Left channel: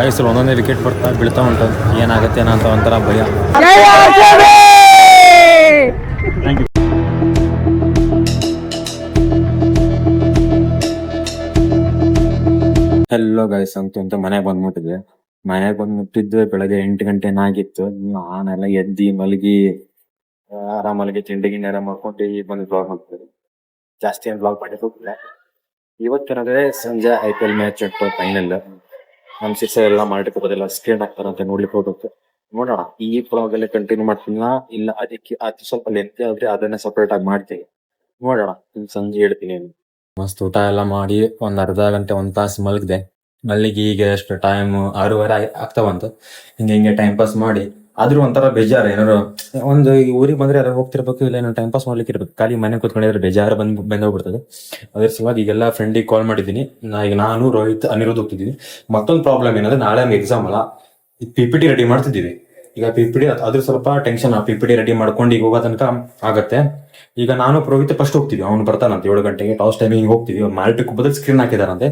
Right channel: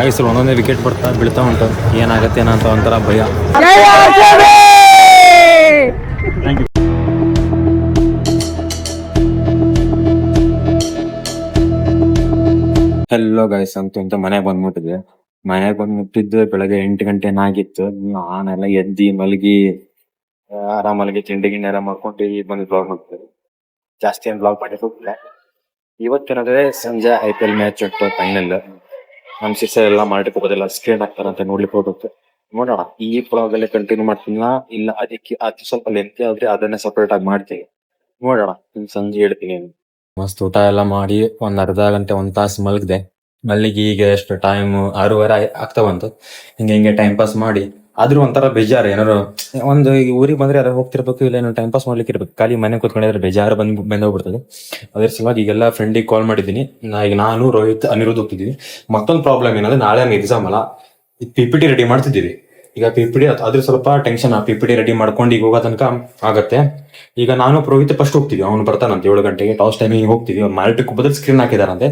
ಗಾಯಸಲು ಒಂದೊಂದೇ ವಿಕೆಟ್ ಬೀಳ್ತಾ ಉಂಟು. ಏನಾಗುತ್ತೆ ಏನೋ ಅಂತ ಒಂಥರ ಭಯ. ಹೆಲ್ಲೋ ಗೈಸ್ ಅಂತ ಮನೆಗೆ ಬಂದ್ಬಿಟ್ಟಿದೆ. ಮನೆಗೆ ಬಂದ್ಬಿಟ್ಟಿದ್ದು ಬೆಳಗ್ಗೆ 8 ಗಂಟೆ ಆಗಿತ್ತು. ನಾನೆಲ್ಲ ಎದ್ದಿ ಮಲಗಿ ಆರಾಮಲ್ಲಿ ತಿಂಡಿ ಗಿಂಡಿ ಎಲ್ಲ ಮಾಡ್ಕೊಂಡು ಈಗ ಬಂದು ಬ್ಲಾಗ್ ಮಾಡ್ತಾರೆ. ಜಾಸ್ತಿ ಏನು ಬ್ಲಾಗ್ ಮಾಡಿ ಹೋಗಿಲ್ಲ. ಇವತ್ತೇನಾದ್ರೆ ಸಂಜೆ IPL ಮ್ಯಾಚ್ ಉಂಟು ಫೈನಲ್. ನಮ್ಮ ಸಿಸ್ಟರ್ ಎಲ್ಲ ಮಾಡಿ ಹೋಗೋದಿಲ್ಲ ಸ್ಕ್ರೀನ್ ಹಾಕ್ತಾರಂತೆ ನೋಡ್ಲಿಕ್ಕೆ ಹೋಗುತ್ತೆ. ನೋಡೋಣ ಈ ಬ್ಲಾಗ್ ಅಲ್ಲಿ ಕಂಟಿನ್ಯೂ ಮಾಡ್ತೀನ ಇಲ್ಲ ಅದಕ್ಕೆ ಅದು ಸ್ವಲ್ಪ ಲೆಂತ್ ಆದ್ರೆ ಅದನ್ನೇ ಸಪರೇಟ್ ಆಗಿ ಮಾಡ್ತೀವಿ. ನೋಡೋಣ ಸಂಜೆ ಹೇಳ್ತೀನಿ. ಮಸ್ತ್ ಊಟ ಎಲ್ಲ ಮಾಡಿ ಒಂದ್ ಅರ್ಧ ಗಂಟೆ 1 ತಾಸು ಮಲಗಿದೆ. ಮಲ್ಲಿಗೆ ಈಗ ಎಷ್ಟು ಟೈಮ್ 6:30 ಆಗ್ತಾ ಬಂತು. ಹಿಂಗೆ ಟೈಮ್ ಪಾಸ್ ಮಾಡಿ ಆದ್ರೂ ಒಂಥರ ಬೇಜಾರು. ಏನಾರು ಒಂದು ಈಗ ಊರಿಗೆ ಬಂದ್ರೆ ಯಾರು ಹೋಗ್ತಿರ್ಬೇಕು ಇಲ್ಲ ಏನೋ ಟೈಮ್ ಪಾಸ್ ಮಾಡ್ಲಿಕ್ಕೆ ಇರ್ಬೇಕು. ಖಾಲಿ ಮನೆ ಕೂತ್ಕೊಂಡಿದ್ರೆ ಬೇಜಾರು ಬಂದೋಗ್ಬಿಡ್ತದೆ. ಅದ್ರ ಸಲುವಾಗಿ ಈಗೆಲ್ಲ ಫ್ರೆಂಡಿಗೆ ಕಾಲ್ ಮಾಡಿದ್ದೀನಿ. ಈಗ ನಾನು ರೋಹಿತ್ ಅನಿರುದ್ಧ್ ಹೋಗ್ತಿದ್ದೀವಿ. ಮತ್ತೊಂದು ಪ್ರಾಬ್ಲಮ್ ಏನಂದ್ರೆ ನಾಳೆ ಎಕ್ಸಾಮ್ ಅಲ್ಲ, PPT ರೆಡಿ ಮಾಡ್ತಿದ್ದೀವಿ. ಈಗ PPT ಅದ್ರ ಸ್ವಲ್ಪ ಟೆನ್ಷನ್. PPT ರೆಡಿ ಮಾಡ್ಕೊಂಡು ಈಗ ಹೋಗೋ ತನಕ ಆಗತ್ತೆ. ಈಗ ನಾನು ರೋಹಿತ್ ಫಸ್ಟ್ ಹೋಗ್ತೀವಿ. ಅವ್ನು ಬರ್ತಾನಂತೆ 7 ಗಂಟೆಗೆ ಟಾಸ್ ಟೈಮಿಗೆ ಹೋಗ್ತೀವಿ. ಮಾಲ್ಟಿ ಕುಪ್ಪದಲ್ಲಿ ಸ್ಕ್ರೀನ್ ಹಾಕಿದಾರಂತೆ.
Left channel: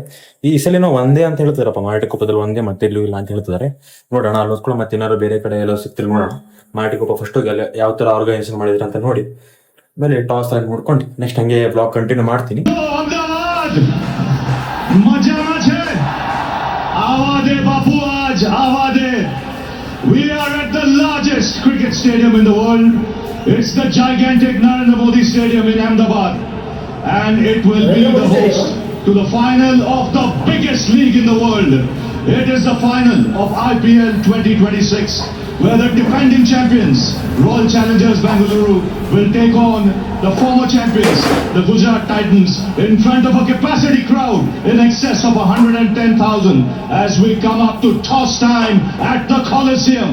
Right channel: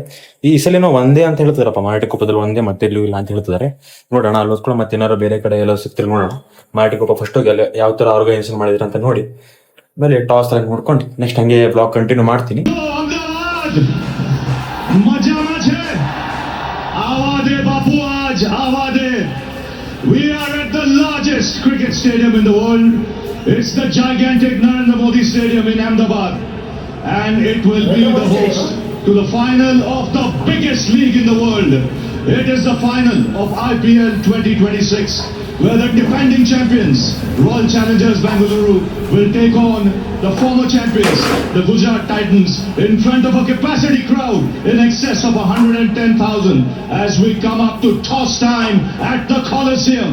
ಈ ಸಲಿನೋ ಒಂದೇ ಅಂತ ಹೇಳ್ತಾರಪ್ಪ, ಮಾಲ್ಟಿ ಕುಪ್ಪದಲ್ಲಿ ಒಂದೇ ಮತ್ತೆ ಎಲ್ಲೂ ಇಲ್ಲ ಅಂತ ಹೇಳ್ತಿದ್ದಾರೆ. ನೋಡೋಣ ಅಲ್ಲೋಸ್ಕೊಳ್ಳೋ ಮತ್ತೆ ಏನಾದ್ರು ಬೇರೆ ಕಡೆ ಎಲ್ಲೋ ಸಿಗ್ತಿರ್ ನೋಡೋಣ. ಮಾಲ್ಟಿ ಕುಪ್ಪ ಫಸ್ಟ್ ಹೋಗಿ ಅಲ್ಲಿ ಯಾವ ತರ ಆರ್ಗನೈಸೇಷನ್ ಮಾಡಿದ್ರ ಅಂತ ನೋಡಿ ಆಮೇಲೆ ಟಾಸ್ ಎಲ್ಲ ನೋಡ್ಕೊಂಡು ನೆಕ್ಸ್ಟ್ ಹಂಗೆ ಬ್ಲಾಗ್ ಕಂಟಿನ್ಯೂ ಮಾಡ್ತೀನಿ. We are at the largest cricket stadium in the world. It's the gigantic Narendra Modi Stadium in Ahmedabad. And it will be the host to the final of the biggest league in the world. It is the final of IPL 2026, where the defending champions, Royal Challengers Bengaluru, will take on the former champions, the Gujarat Titans, in front of a capacity crowd in excess of 110,000 as we come up to toss time at the Coliseum.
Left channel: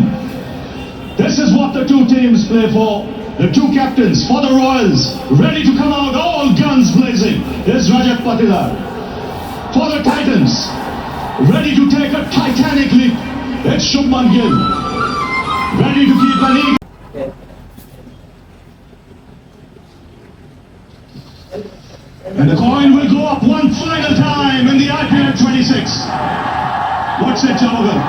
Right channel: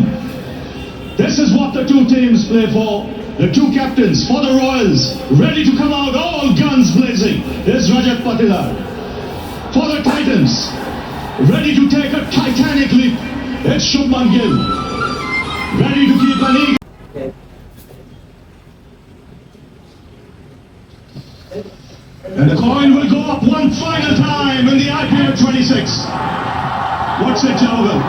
This is what the two teams play for. The two captains for the Royals, ready to come out, all guns blazing, is Rajat Patidar. For the Titans, ready to take a titanic leap, it's Shubman Gill. Ready to keep an eagle. And the coin will go up one final time in the IPL 26. What's it, Javagal?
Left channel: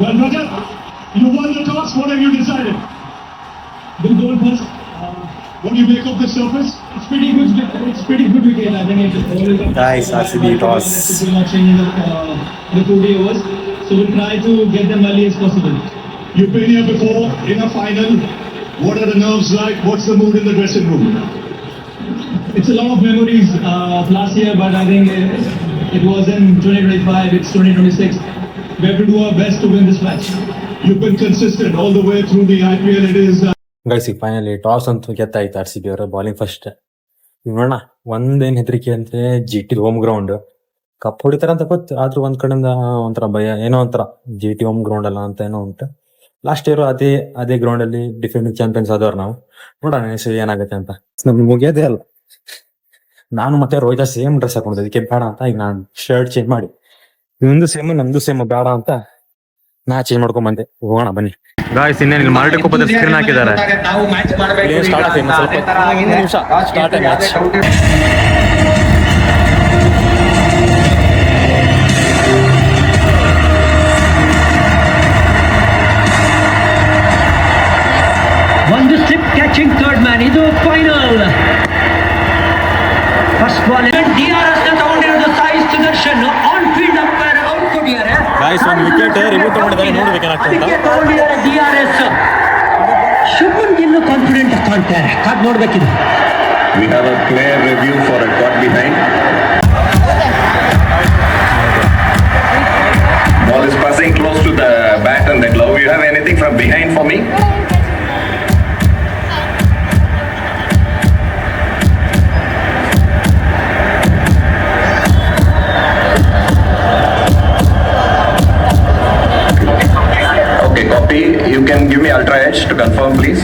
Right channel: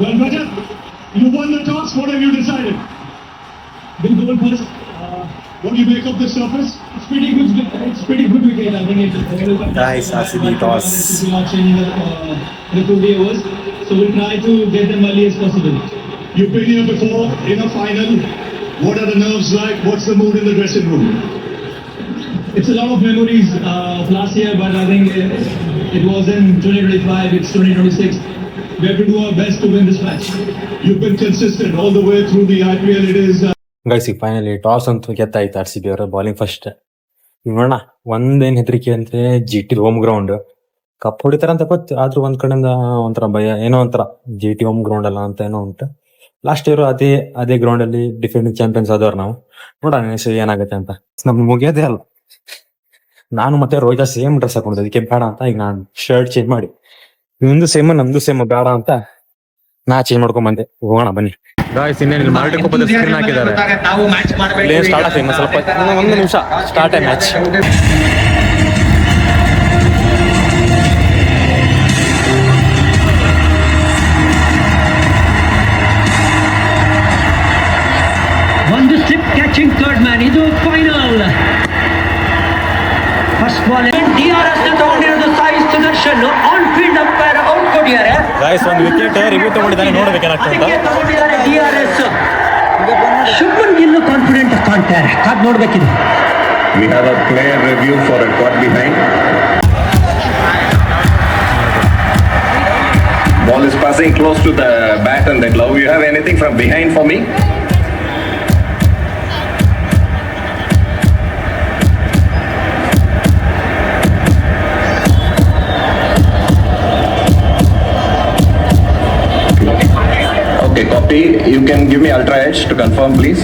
Well, Rajat, you won the toss. What have you decided? We'll go first. What do you make of the surface? It's pretty good. It's pretty good wicket. I think it's Nice, RCB toss. In the 2 day overs. So we'll try to get them early as possible. You've been here before in a final. What are the nerves like? What's the mood in the dressing room? It's a lot of memories of last year, but I think it was in 2025. It's 2026. We have to do our best to win this match. You've been consistent all the way through the IPL. It is. Guys ಈಗ finally toss ಅಂತೂ ಗೆದ್ದಾಯ್ತು. RCB ಅವರ bowling first. ಈಗ ನೋಡೋಣ ಒಂದೇನ್ ಹೆದರಿಕೆ ಅಂದ್ರೆ GT home ground cup ಹೊಡಿತಾರ ಅಂತ ಗೊತ್ತು. ಆದ್ರೂ ಒಂದ್ ಕಡೆಯಿಂದ ಒಂಥರ ಭಯ, ಏನೋ ಒಂಥರ GT ಹೋಮ್ ಗ್ರೌಂಡ್ ಅಲ್ಲ ಅಂತ ಏನೋ ಉಂಟು. ಲಾಸ್ಟ್ ಇಯರ್ ಅದೇ ಗ್ರೌಂಡ್ ಅಲ್ಲಿ ಡಿಫೆಂಡಿಂಗ್ ಚಾಂಪಿಯನ್ಸ್ ಆದವ್ರು ನಾವು. ನೋಡೋಣ ಏನಾಗುತ್ತೆ ಅಂತ. ನಮ್ಗೆ ಮುಗಿಯೋದೇ ಅಲ್ಲ. ನಾನು ಮತ್ತೆ ರೋಹಿತ ಸೇಮ್ ಡ್ರೆಸ್ ಹಾಕೊಂಡಿದ್ದೆ, ಅದಕ್ಕೆ ಬೇಡ ಅಂತ ಈಗ ನಾನು ಶರ್ಟ್ ಚೇಂಜ್ ಮಾಡಿ ನಿಮ್ದು ಸೇಮ್ ನಮ್ದು ಸೇಮ್ ಬೇಡ ಅಂತ ನಾ ಚೇಂಜ್ ಮಾಡ್ಕೊಂಡ್ ಬಂದೆ. ಹೋಗೋಣ ಬನ್ನಿ ಗಾಯ್ಸ್. ಇನ್ನೇನು ಮಾಲ್ಟಿ ಕುಪ್ಪದಲ್ಲಿ ಸ್ಕ್ರೀನ್ ಹಾಕಿದ್ದಾರೆ. ಸ್ಟಾರ್ಟ್ ಆಗ್ತದೆ ಸ್ವಲ್ಪ 1 ನಿಮಿಷ ಸ್ಟಾರ್ಟ್ ಮ್ಯಾಚ್. ಒಂದು ಸ್ಲಿಪ್ ಕ್ಯಾಚಿಂಗ್ ಥರ್ಡ್ ಮ್ಯಾನ್. ಇದು ಫೈನಲ್ ಫಸ್ಟ್ ಬಾಲ್. DRS ತಗೊಂಡಿರೋದು Sai Sudharsan. On field umpire out ಕೊಟ್ಟಿದ್ದಾರೆ. ಗಾಯ್ಸ್ ಒಂದು ವಿಕೆಟ್ ರಿವ್ಯೂ ತಗೊಂಡಿದ್ದಾನೆ, ನೋಡ್ಬೇಕೇನಾಗ್ತದೆ ಅಂತ. DRS ಶುಭ್ಮನ್ ಗಿಲ್ ಕಾನ್ಫಿಡೆಂಟ್ ಕಾಣ್ತಾರೆ. ಕಾದ್ ನೋಡ್ಬೇಕಿದೆ. We have a player review for a caught behind. Ball is passing close to the bat and the glove. You have anything from behind for me? Okay, copy. You can give me ultra edge to confirm, please.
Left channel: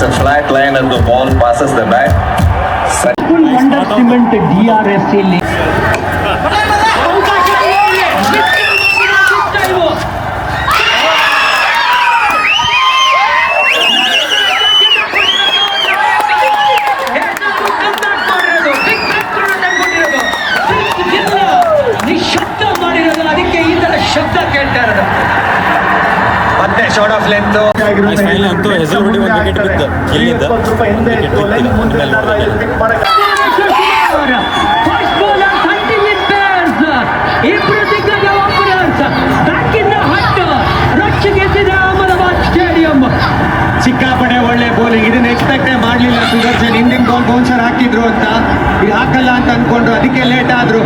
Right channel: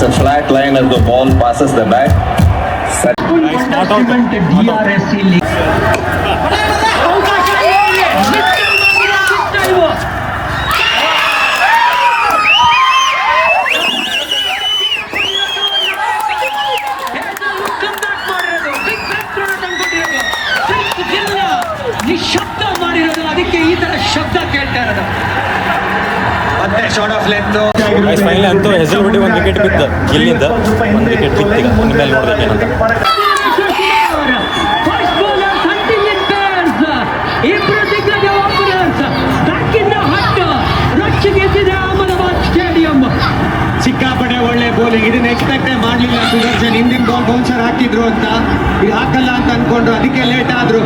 It's a flat line as the ball passes the bat. DRS ಇಲ್ಲಿ ಅವಕಾಶ ಇದೆ. ಇವು ನಿಶಬ್ದ ಮಾಡಿರೋದು, ಅದಕ್ಕೆ ಈ ತರ ಶಬ್ದ ಕೇಳ್ತಾ ಇರೋದು. ಮತ್ತೆ ಶಾರ್ಟ್ ಆಫ್ ಲೆಂತ್ ಫೈನಲ್ ಅಂತೂ ಹೆಸರುಬಿಡಿ ಒಂದು ವಿಕೆಟ್ ಬಿದ್ದು ಇಲ್ಲಿಂದ ಒಂದು ವಿಕೆಟ್ ಬಿತ್ತು. ಈಗ ಇನ್ನು ಮೇಲೆ ನೋಡ್ಬೇಕೇನಂತ. First bowler hunting in pairs, ಇಬ್ರು ದಿಗ್ಗಜ openers back in the hut, ರೊಚ್ಚಿಗೆದ್ದಿದೆ ಅಹಮದಾಬಾದ್ ಸ್ಟೇಡಿಯಂ. ಸಿಕ್ಕಾಪಟ್ಟೆ ಒಳ್ಳೆ ಬೌಲಿಂಗ್. ಇದನ್ನ ಎಕ್ಸ್ಪೆಕ್ಟೇ ಮಾಡಲಿಲ್ಲ ಸುದರ್ಶನ್. ಹಿಂದಿನ ಬಾಲ್ ಬೌನ್ಸರ್ ಹಾಕಿದ್ರು ಅಂತ, ಇದು ಹಾಕಲ್ಲ ಅಂತ ಅನ್ಕೊಂಡ್ರು, ಅದಕ್ಕೆ ಲೇಟ್ ಆದ್ರು.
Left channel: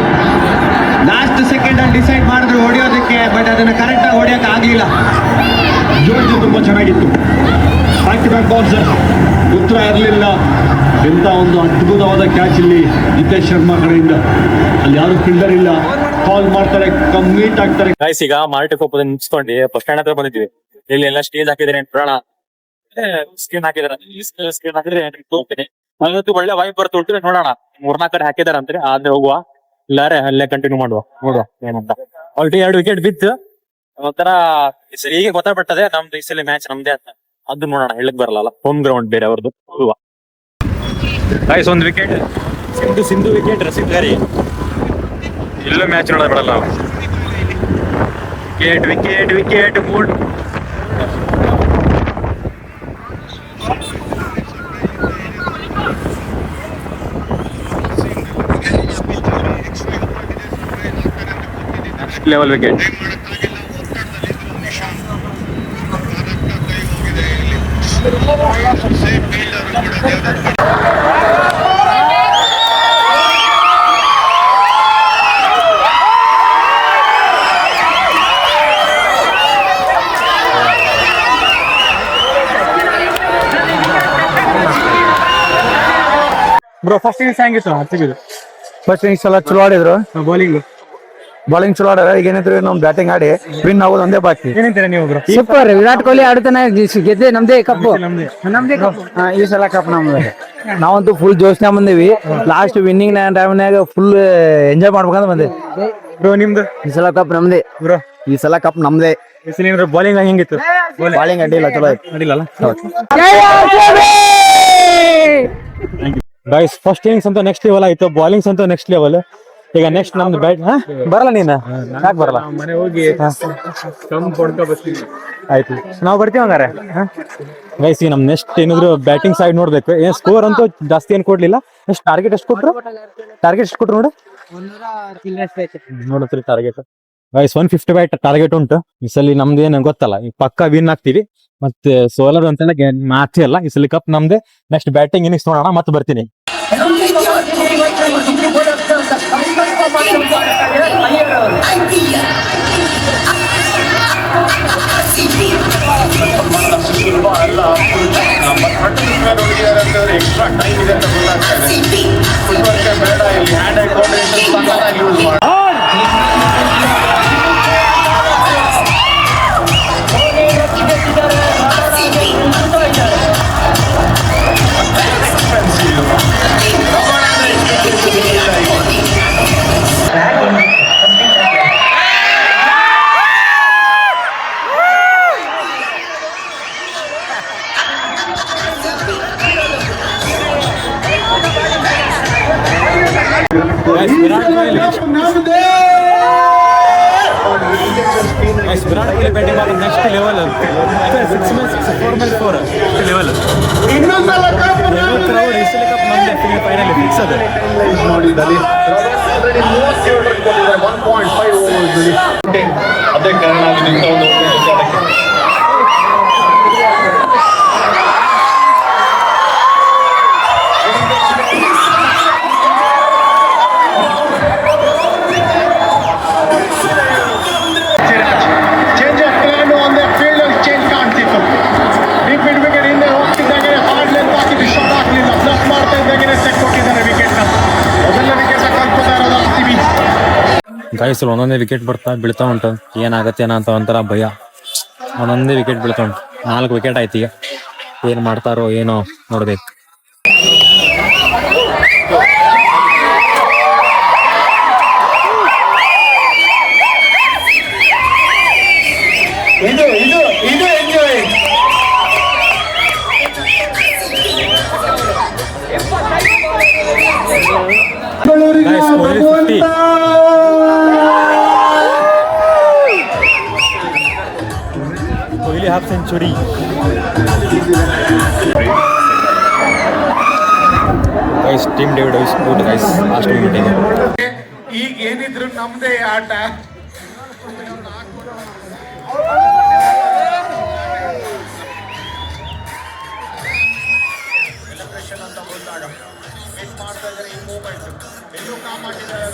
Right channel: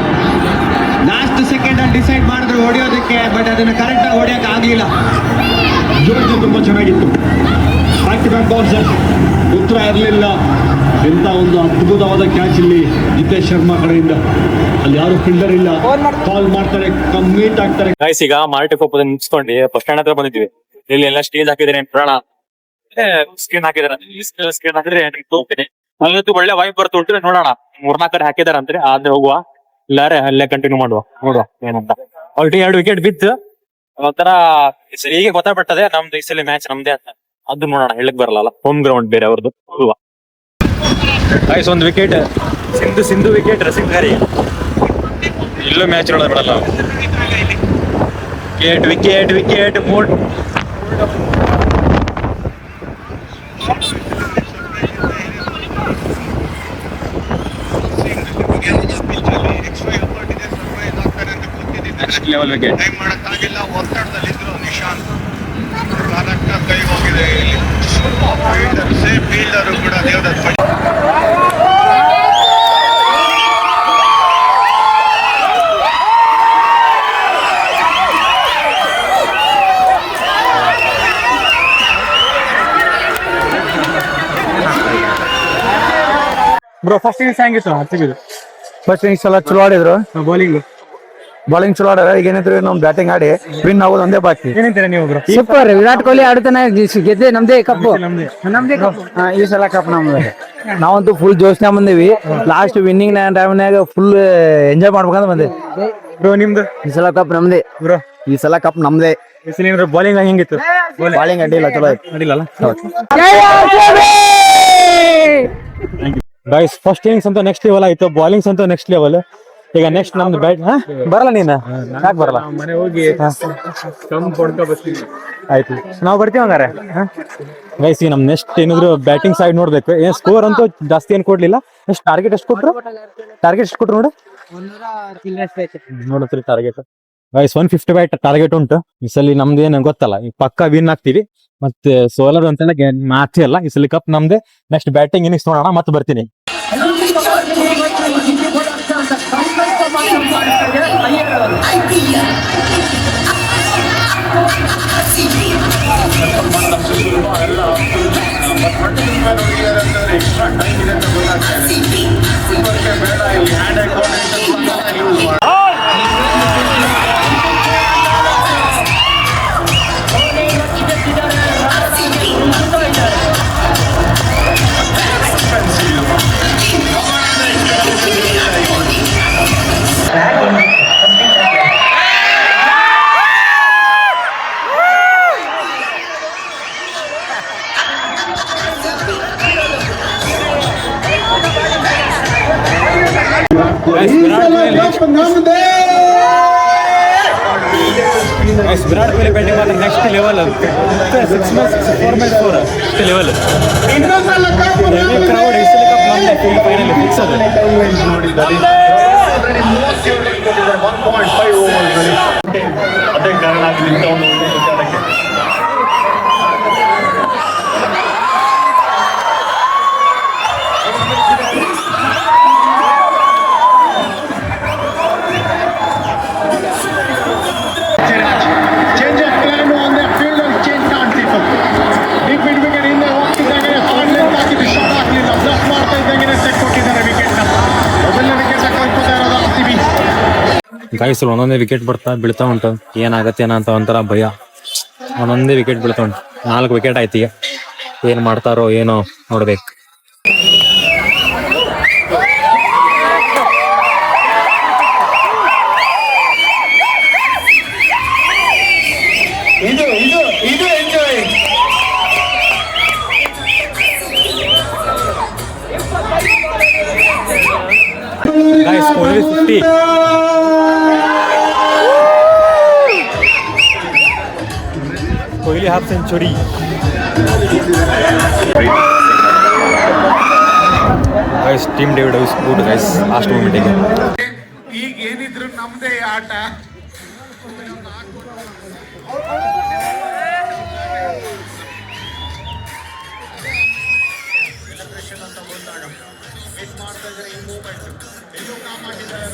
ಲಾಸ್ಟ್ ಸೆಕೆಂಡ್ ಅಲ್ಲಿ ಡಿಸೈಡ್ ಮಾಡಿದ್ರು ಹೊಡೆಯೋದಕ್ಕೆ, ಬಟ್ ಅದನ್ನ ಕರೆಕ್ಟ್ ಆಗಿ ಹೊಡೆಯಕ್ಕೆ ಆಗ್ಲಿಲ್ಲ. ಜೋಡಿಗೆ ತುಂಬಾ ಚೆನ್ನಾಗಿತ್ತು. ಬ್ಯಾಕ್ ಟು ಬ್ಯಾಕ್ ಬಾಲ್ಸ್ ಉತ್ತರ ಇರಲಿಲ್ಲ. ಎಂತ ಒಂದು ಅದ್ಭುತವಾದ ಕ್ಯಾಚ್ ಇಲ್ಲಿ ನಿತೇಶ್ ಶರ್ಮಾ ಕಡೆಯಿಂದ. ಅಲ್ಲಿ ಯಾರು ಫೀಲ್ಡರ್ ಇಲ್ಲ, ಕಾಲ್ ಮಾಡ್ತಾರೆ, ಕಮ್ಮಿಟ್ ಆಗ್ತಾರೆ. ಗೈಸ್ ಈಗ ಮಾರ್ಟಿ ಕೊಪ್ಪದ ನಿಲ್ಸ್ಕೊಂಡು ಬಸ್ ಸ್ಟ್ಯಾಂಡ್ ಹತ್ರ ಬಂದಿದ್ವಿ. ಇಲ್ಲಿ ಎಲ್ಲ ಸ್ಟೇಜ್ ಹಾಕಿದ್ರೆ ಪ್ರಾಣ ಸ್ಕ್ರೀನ್ ಹಾಕಿದಾರೆ. ಸ್ಕ್ರೀನ್ ಹಾಕಿದ್ರೆ ಹೋಗ್ತೀನಿ. ಅಲ್ಲಂತೂ ಒಳ್ಳೆ ವಾಯ್ಪ್ ಬರ್ತು ಉಂಟು. ನೋಡೋಣ, 3-4 ಕಡೆ ಹಾಕಿದಾರೆ ಅಂದ್ರೆ ಆದ್ರೆ ಹೋಗುವ, ಇಲ್ಲಾರೆ ಅಲ್ಲೇ ಕಂಟಿನ್ಯೂ ಮಾಡುವ, ನೋಡುವ ಏನಂತ. ಆಲ್ರೆಡಿ 2 ವಿಕೆಟ್ ಬಿತ್ತು. ಒಂಥರ ಈಗ ಗೊತ್ತಾಗ್ಬಿಟ್ಟದೆ ನಮ್ದು ಈ ಸಲ ಮ್ಯಾಚ್ ನಮ್ದೇ ಅಂತ. ಅದು ನೋಡೋಣ, ಹೇಳಕ್ ಬರಲ್ಲ, ಹೋಮ್ ಗ್ರೌಂಡ್ ಬೇರೆ ಅವ್ರದ್ದು. ಹೋಗುವ ಗೈಸ್, ಒಂದು ವಿಕೆಟ್ ಸಿಂಧು ವಿಕೆಟ್ ರಸಿಕ್ ಗಾರಿ. ಇಲ್ಲೂ ಮ್ಯಾಚ್ ನೋಡೋದು ಬಿಡಲ್ಲ ನಾವು. Wicket mood. Next level wicket. Bro first innings ಹೆಂಗಿತ್ತು ಹತ್ತಿಗಿದು? ಫಸ್ಟ್ ಇನ್ನಿಂಗ್ಸ್ ಎಲ್ಲ ಚಲೋ ಆಡಿದ್ರು, ಬೌಲಿಂಗ್ ಚಲೋ ಆಡ್ಯಾರ. ಈಗ ಏನಿದ್ರು ನಮ್ ಬ್ಯಾಟಿಂಗ್ ಆಡಿ ವಿನ್ ಆಗೋದು ಒಂದೇ ಬಾಕಿ. ಏನಂತೀರಾ ನೀವು ಬ್ರೋ? ಸೂಪರ್, ವಿರಾಟ್ ಕೊಹ್ಲಿ ಆಡ್ತಾನೆ, ಗೆದ್ದೆ ನಮ್ದೇ ಕಪ್ಪು. ನಮ್ದೇ ಕಪ್ ಈ ಸಲ ಕಪ್ ನಮ್ದು. ನಾವಂತೂ ಫುಲ್ ಜೋಶ್ನ ಬಂದೇವಿ. ಲಾಸ್ಟ್ ವಿನ್ನಿಂಗ್ ಟೈಮ್ನಾಗ ಫುಲ್ ಎಂಜಾಯ್ ಮಾಡ್ಬೇಕಂತ ಬಂದೆ. ಬ್ರೋ ನಿಮ್ದು? ಈ ಸಲ ಕಪ್ ನಮ್ದೇ ಬ್ರೋ. ಈ ಸಲ ಕಪ್ ನಮ್ದೇ. ಬೌಲಿಂಗ್ ಹೆಂಗಿತ್ತು? ಬಾಲಿಂಗ್ ಅಡ್ಡಿಲ್ಲ, ಚಲೋ ಆಯ್ತು. ಅಡಿಲ್ಲ. ಗೈಸ್ ಫಸ್ಟ್ ಇನ್ನಿಂಗ್ಸ್ ಅಂತ ನೆಕ್ಸ್ಟ್ ಲೆವೆಲ್ ಆಯ್ತು, ಬೌಲಿಂಗ್ಸ್ ಅಂತ ನೆಕ್ಸ್ಟ್ ಲೆವೆಲ್. ಈಗ ನೆಕ್ಸ್ಟ್ ನಮ್ದು ಬ್ಯಾಟ್ ಬರಲ್ಲ. ನೀನು ಯಾಕೆ ಬರಲ್ಲ? ಮನೆ ಹೋಗಿ ಆಯ್ತು, ನಾವು ಬರ್ತೀವಿ ಹಂಗಾರೆ. ಗೈಸ್ ಈಗ ನಮ್ ನೆಕ್ಸ್ಟ್ ಏನಾದ್ರು ಬ್ಯಾಟಿಂಗ್ ಸೈಡ್ ನೋಡ್ಬೇಕು. ಏನ್ ಸ್ಕೋರ್ ಅಂತೂ ಜಾಸ್ತಿ ಏನ್ ಕೊಡ್ಲಿಲ್ಲ. ಎಷ್ಟು ಟಾರ್ಗೆಟ್ ಎಷ್ಟು ಕೊಟ್ರು? ನೋಡು ನೋಡತ್ರಿ ಟಾರ್ಗೆಟ್. ಗೈಸ್ 150 ಬ್ಯಾಟ್ ಟಾರ್ಗೆಟ್ ಉಂಟು. ಈ ಸಲ ನಮ್ದು ಏನು ಗೊತ್ತಲ್ಲ, ಈ ಪಕ್ಕ ವಿನ್ ಆಗ್ತೀವಿ. ಮತ್ತೆ ಸೋಲರ್ ಅಂತ ಮ್ಯಾಚ್ ಅಲ್ಲ, ಈ ಸಲ ಕಪ್ ನಮ್ದೆ. ನೆಕ್ಸ್ಟ್ ಬ್ಯಾಟಿಂಗ್ ಇನ್ನಿಂಗ್ಸ್ ನೋಡೋಣ, ಮತ್ತೆ ಬರ್ತೀನಿ. ವಿರಾಟ್ ಕೊಹ್ಲಿ ಬ್ಯಾಟಿಂಗ್ ಮಾತ್ರ next level. 4/4 level. Heavy crowd. ಈ ಸಲ ಕಪ್ ನಮ್ದೇ, ಫೈನಲ್ ಫಿಕ್ಸ್ ಅದು. ಅದೇ ಕಾರಣ ಇಂಥ ಒಂದು ವಿಚಾರಕ್ಕೆ change of plan on the field ಅಲ್ಲಿ ಚೇಂಜ್ ಕಾಣ್ತಿತ್ತು. ಡೀಪ್ ಮಿಡ್ ವಿಕೆಟ್ ಹಿಂದೆ ಹೋಗ್ತಿದ್ದಂಗೆ ಹಾರ್ಡ್ ಲೆಂತ್ ಹಾಕಿದ್ದು ಶಾಟ್ ಹಾಕಲಿಲ್ಲ. ಬ್ಲಫ್ ಮಾಡ್ತಾ ಇದ್ದಂಗೆ ಸೆಟ್ ಕೊಟ್ಟಿದ್ದಾರೆ ವಿಕೆಟ್. ಮೊದಲನೇ ವಿಕೆಟ್ ಕಳ್ಕೊತಾ ಇರೋದು RCB. ಗಾಯ್ಸ್ ಒಂದೊಂದೇ ವಿಕೆಟ್ ಬೀಳ್ತಾ ಉಂಟು. ಏನಾಗತ್ತೇನ ಅಂತ ಒಂಥರ ಭಯ. ಒಂದೊಂದೇ ವಿಕೆಟ್ ಬೀಳ್ತಾ ಉಂಟು. 4 ವಿಕೆಟ್ ಆಯ್ತು. ಈಗ ಏನ್ ಮಾಡ್ತಾರೋ ಏನೋ ನೋಡ್ಬೇಕು. Guys, only 50. Kohli half century. Guys Tim David is good guys last ಮೂಮೆಂಟಿಗೆ. ಈಗ ಏನಿದ್ರು ನಮ್ದೇ ಆಟ. ಅಂತ ಬಂದಾಗ ಮಿಸ್ ಮಾಡ್ತಾ ಇದ್ದಾರೆ ಈ ಮೂಮೆಂಟ್. ಎಲ್ಲೂ ಕಾಪಾಡಿದ್ದಾರೆ.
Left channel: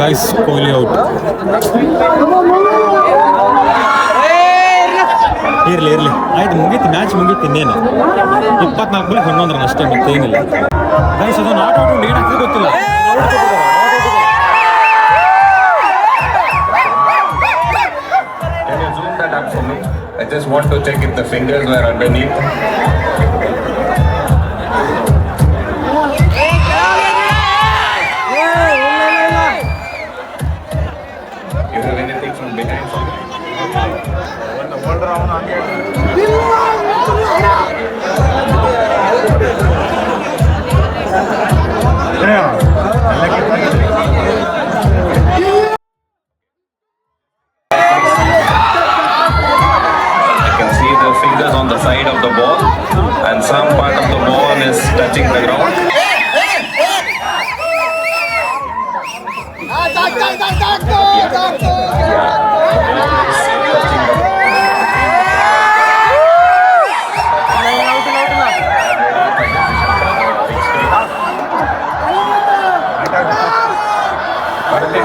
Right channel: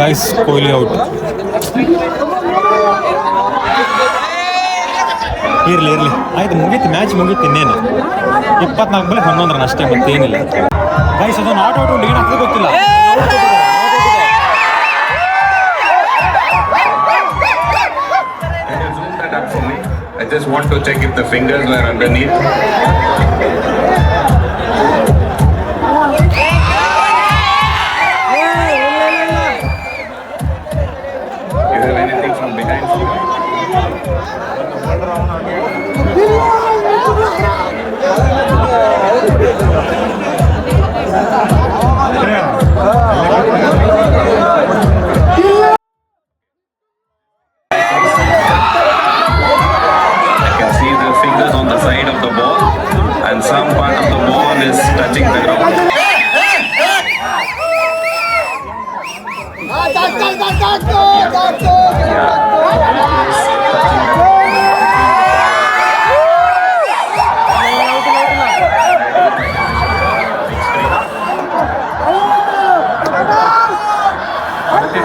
Guys Kohli out. ಇರ್ಲಿ ಆಯ್ತು, ಮುಗೀತು ಮ್ಯಾಚ್ ಮುಗೀತು. ಇನ್ನೇನು 24 ಬಾಲ್ 11 ರನ್ ಅಷ್ಟೇ, ಮತ್ತೇನಿಲ್ಲ. ಗೈಸ್ ಅದು ನಾಟ್ ಔಟ್ ಏನು ಹಾಕಿದ್ರೆ ಗೊತ್ತಿಲ್ಲ. I just want to check if the fingers were underneath. You have anything from behind? Fingers on the side of the ball and some part of the ball is touching the ground.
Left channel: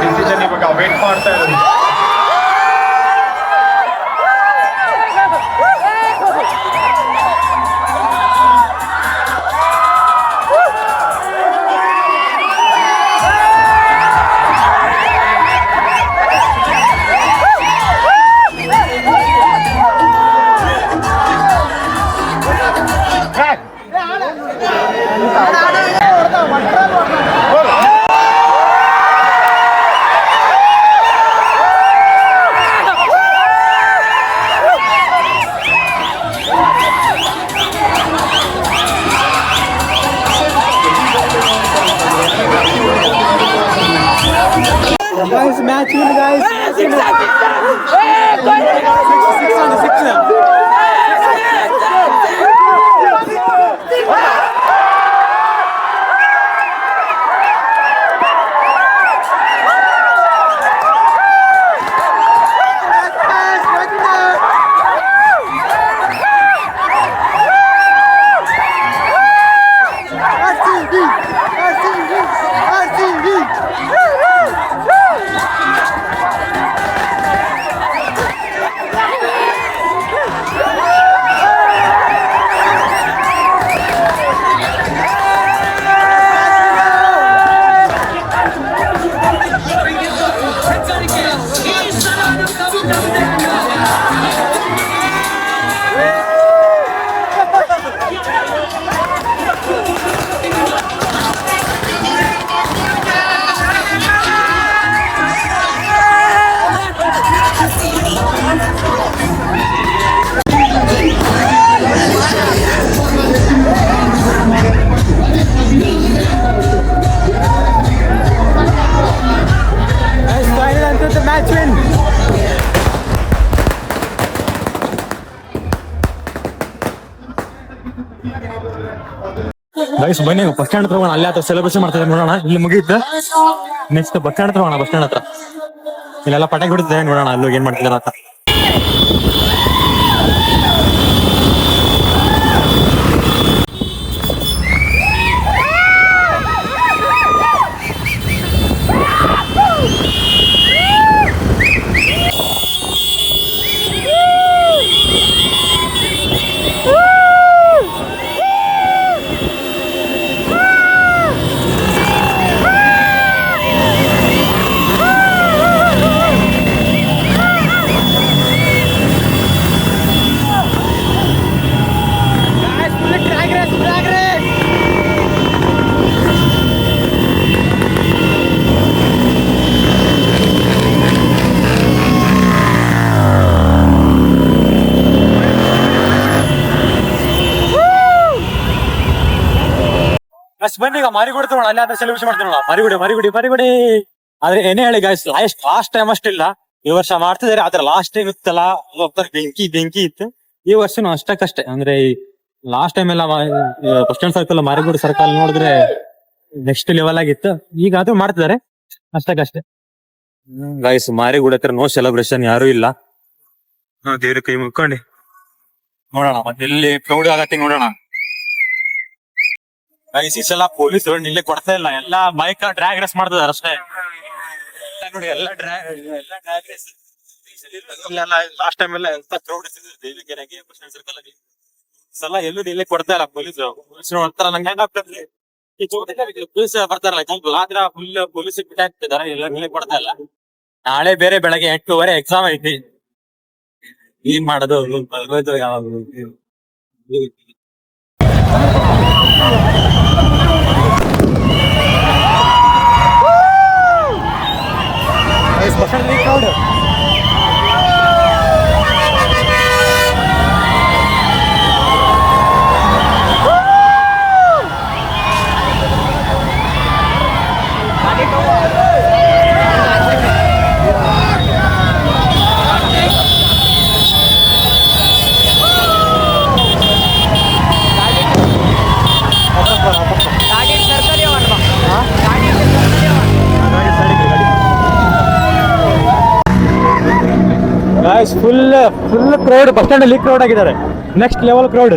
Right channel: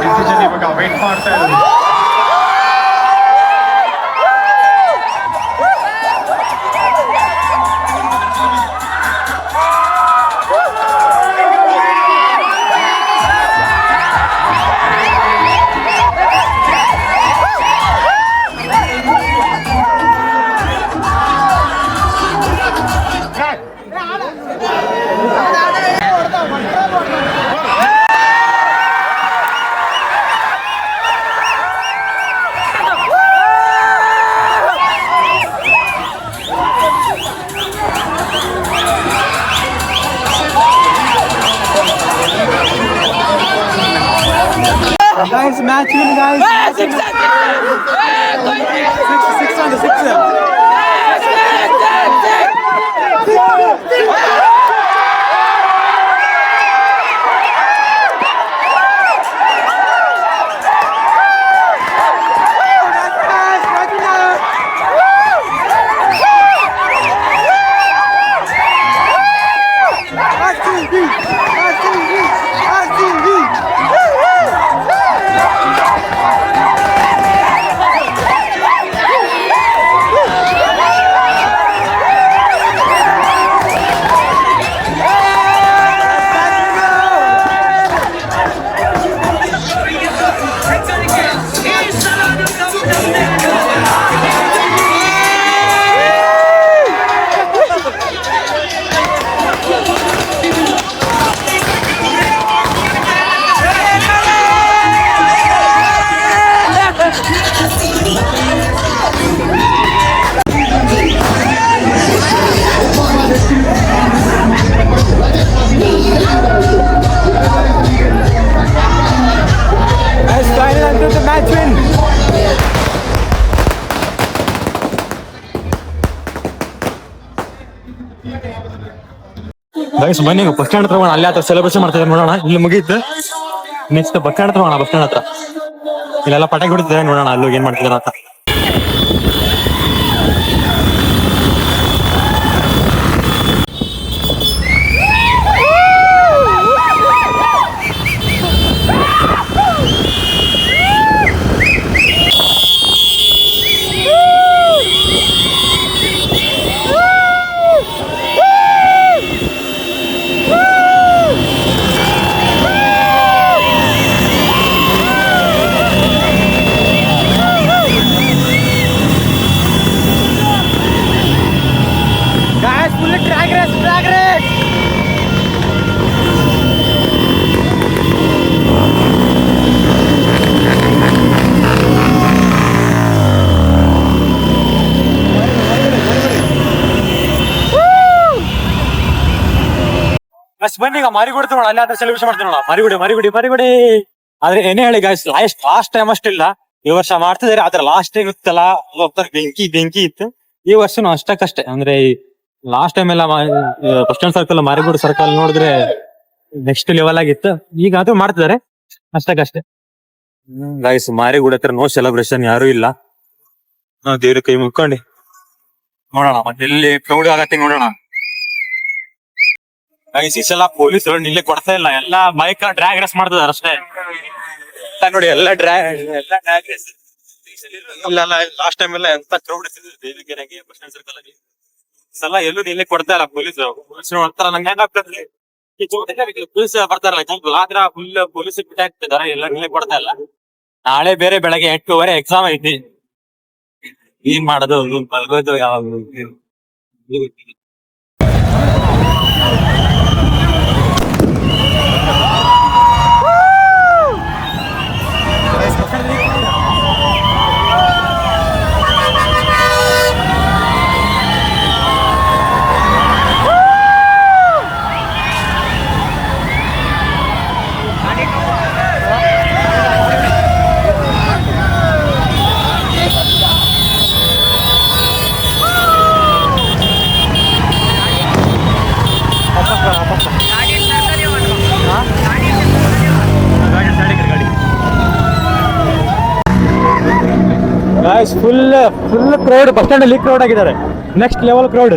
Decision ಇವಾಗ wait ಮಾಡ್ತಾ ಇರೋದು. Guys, match win, guys. Yes, exactly. 6 on the 6. match win. Guys ಬನ್ನಿ bus stand ಹತ್ರ ಹೋಗೋಣ, ಅಲ್ಲಿ ಹತ್ರ celebration ಮಾಡ್ತಿದ್ದಾರೆ ನೋಡೋಣ. ಇಲ್ಲಿ ಮುಗಿಯುತ್ತೆ, ನೆಕ್ಸ್ಟ್ ಬಸ್ ಸ್ಟ್ಯಾಂಡ್ ಹತ್ರ ಹೋಗೋಣ. ಬಸ್ ಸ್ಟ್ಯಾಂಡ್ ಹತ್ರ ಇಲ್ಲೆಲ್ಲ ಪಟಾಕಿ ಬಿಡ್ತಿದ್ದಾರೆ, ನೋಡೋಣ ಅಲ್ಲಿ ಏನ್ ಮಾಡ್ತಿದ್ದಾರೆ ಅಂತ. ಗಾಯ್ಸ್ ಬನ್ನಿ ಈಗ ಮಾರಿಗುಡಿ ತಗೋಣ, ಅಲ್ಲಿ ಆದ್ರೆ ಸೆಲೆಬ್ರೇಷನ್ ಮಾಡ್ತೀವಿ ನೋಡ. ಮಾರಿಗುಡಿ. ಆದ್ರೆ ಏನೇ ಹೇಳಿ ಗಾಯ್ಸ್, ಲಾಸ್ಟ್ ಟೈಮ್ ಅಷ್ಟಿಲ್ಲ, ಈ ವರ್ಷ ಮಾಡ್ತಿದಾರೆ. ಆದ್ರೆ ಲಾಸ್ಟ್ ಟೈಮ್ ಇತ್ತಲ್ಲ, ಬೆಂಕಿ ಇತ್ತು. ಈ ವರ್ಷನೂ ಅಷ್ಟಕ್ಕಷ್ಟೇ. ಅಂದ್ರೆ ಲಾಸ್ಟ್ ಟೈಮ್ ಎಲ್ಲ ಬಸ್ ಸ್ಟ್ಯಾಂಡ್ ಸರ್ಕಲ್, ಮಾರಿಗುಡಿ ಸರ್ಕಲ್ ನೋಡಿದ್ರೆ ನೆಕ್ಸ್ಟ್ ಲೆವೆಲ್ ಆಗಿತ್ತು. ಈಗ ಅದು ಮಾಡ್ತಿದ್ದಾರೆ ಅಷ್ಟಕ್ಕಷ್ಟೇ. ಗಾಯ್ಸ್ ಮಾರಿಗುಡಿ ಹತ್ರ ನೋ ಸೆಲೆಬ್ರೇಷನ್, ಯಾರು ಇಲ್ಲ. ನಾವು ದೇವ್ರ ಕೈ ಮುಕ್ಕೊಂಡು ನೋಡೋಣ, ಮತ್ತೆ ಎಲ್ಲಿ ಕ್ರೌಡ್ ಆಗತ್ತೆ ನೋಡೋಣ. ಗೈಸ್ ಈ ಸಲ ಪೊಲೀಸ್ ನಿಲ್ಲೆ ಕೊಡ್ತಾ ಇಲ್ಲ, ಎಲ್ಲಾ ಬೈಕ್ ಡ್ರ್ಯಾಗ್ ರೇಸ್ ಮಾಡ್ತಿದಾರೆ ಅಷ್ಟೇ. ಎಲ್ಲ ನೋಡಿ, ಎಲ್ಲ ಡ್ರ್ಯಾಗ್ ರೇಸ್. ಲಾಸ್ಟ್ ಟೈಮ್ ಎಲ್ಲ ಎಂತ ಕ್ರೌಡ್ ದೇವಿಗೆರೆಗೆ ಬಸ್ ಸ್ಟ್ಯಾಂಡ್ ಸರ್ಕಲ್ ಅಲ್ಲಿ. ಈ ಸಲ ಎಲ್ಲೂ ನಿಲ್ಲೆ ಕೊಡ್ತಾ ಇಲ್ಲ ಪೊಲೀಸ್ ನೋಡ್ತಾರ. ನಂಗೆ ಹೆಂಗಾಗ್ತದೆ, ಪೊಲೀಸ್ ಬರ್ತಾರಲ್ಲ, ಆದ್ರ ಫುಲ್ ಪೊಲೀಸ್ ಬಿಟ್ಟ ಹಾಕ್ತಿದಾರೆ, ಎಲ್ಲ ನಿಲ್ಲೆ ಕೊಡ್ತಾ ಇಲ್ಲ. ನಾಳೆ ಬೇರೆ ಬೆಳಗ್ಗೆ 8:30 ಎಕ್ಸಾಮ್ ಐತಿ. ಏನ್ ಮಾಡೋದು, ಬಲ್ಗೋದು ಯಾವಾಗ. Guys full crowd, bus stand ಅಲ್ಲಿ ಕ್ರೌಡ್ ಆಗಿದ್ದಾರೆ, ನೆಕ್ಸ್ಟ್ ಲೆವೆಲ್ ಕ್ರೌಡ್.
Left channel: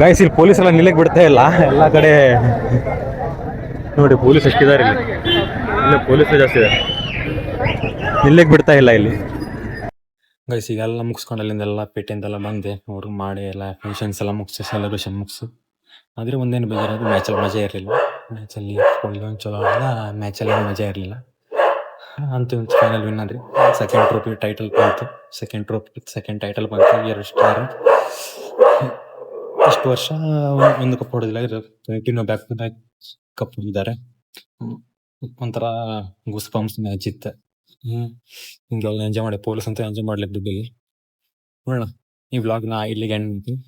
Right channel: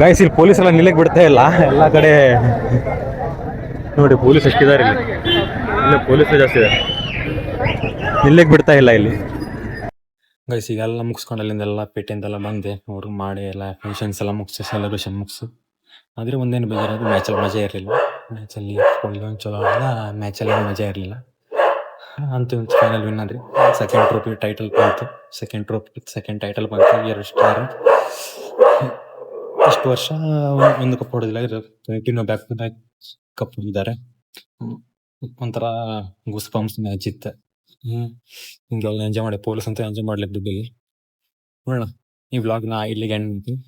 ಗಾಯ್ಸ್ ಇಲ್ಲಿ ಪೊಲೀಸ್ ಎಲ್ಲ ನಿಲ್ಲಕ್ ಬಿಡ್ತಾ ಇಲ್ಲ, ಎಲ್ಲಾ ಕಡೆ ನೋಡಿ ಪೊಲೀಸ್ ಎಷ್ಟಿದ್ದಾರೆ ಇಲ್ಲಿ ಪೊಲೀಸ್ ಜಾಸ್ತಿ ಇದ್ದಾರೆ, ನಿಲ್ಲಕ್ ಬಿಡ್ತಾ ಇಲ್ಲ ಇಲ್ಲಿ. ಗೈಸ್ ಈಗೆಲ್ಲ ಮುಗಿಸ್ಕೊಂಡು ಅಲ್ಲಿಂದೆಲ್ಲ ಪೇಟೆಯಿಂದೆಲ್ಲ ಬಂದೆ, ಅವ್ರು ಮಾಡಿ ಎಲ್ಲ ಫಂಕ್ಷನ್ಸ್ ಎಲ್ಲ ಮುಗಿಸಿ ಸೆಲೆಬ್ರೇಷನ್ ಮುಗಿಸು. ಆದರೆ ಒಂದೇನು ಬೇಜಾರಾದ್ರು ಮ್ಯಾಚಲ್ಲಿ ಮಜಾ ಇರಲಿಲ್ಲ. ಮ್ಯಾಚಲ್ಲಿ ಒಂದು ಚಲೋ ಆಡಿಲ್ಲ, ಮ್ಯಾಚಲ್ಲಿ ಮಜಾ ಇರಲಿಲ್ಲ. ಅಂತೂ ಫೈನಲ್ ವಿನ್ ಆದ್ರಿ, ಸೆಕೆಂಡ್ ಟ್ರೋಫಿ ಟೈಟಲ್ ಬಂತು, ಸೆಕೆಂಡ್ ಟೈಟಲ್ ಬಂತು. 2 ಸ್ಟಾರ್. ಇಷ್ಟು ವರ್ಷ ಒಂದು ಕಪ್ ಹೊಡೆದಿಲ್ಲ, continue back to back cup ಹೊಂದಿದ್ದಾರೆ. ಒಂಥರ ಗೂಸ್ ಬಂಪ್ಸ್ ಮ್ಯಾಚ್ ಇತ್ತು. ಹಿಂಗೆಲ್ಲ ಎಂಜಾಯ್ ಮಾಡಿ, ಪೊಲೀಸ್ ಅಂತ ಎಂಜಾಯ್ ಮಾಡ್ಲಿಕ್ಕೆ ದುಡ್ಡಲ್ಲಿ. ನೋಡೋಣ ಈ ವ್ಲಾಗ್ನ ಇಲ್ಲಿಗೆ ಎಂಡ್ ಮಾಡ್ತೀನಿ.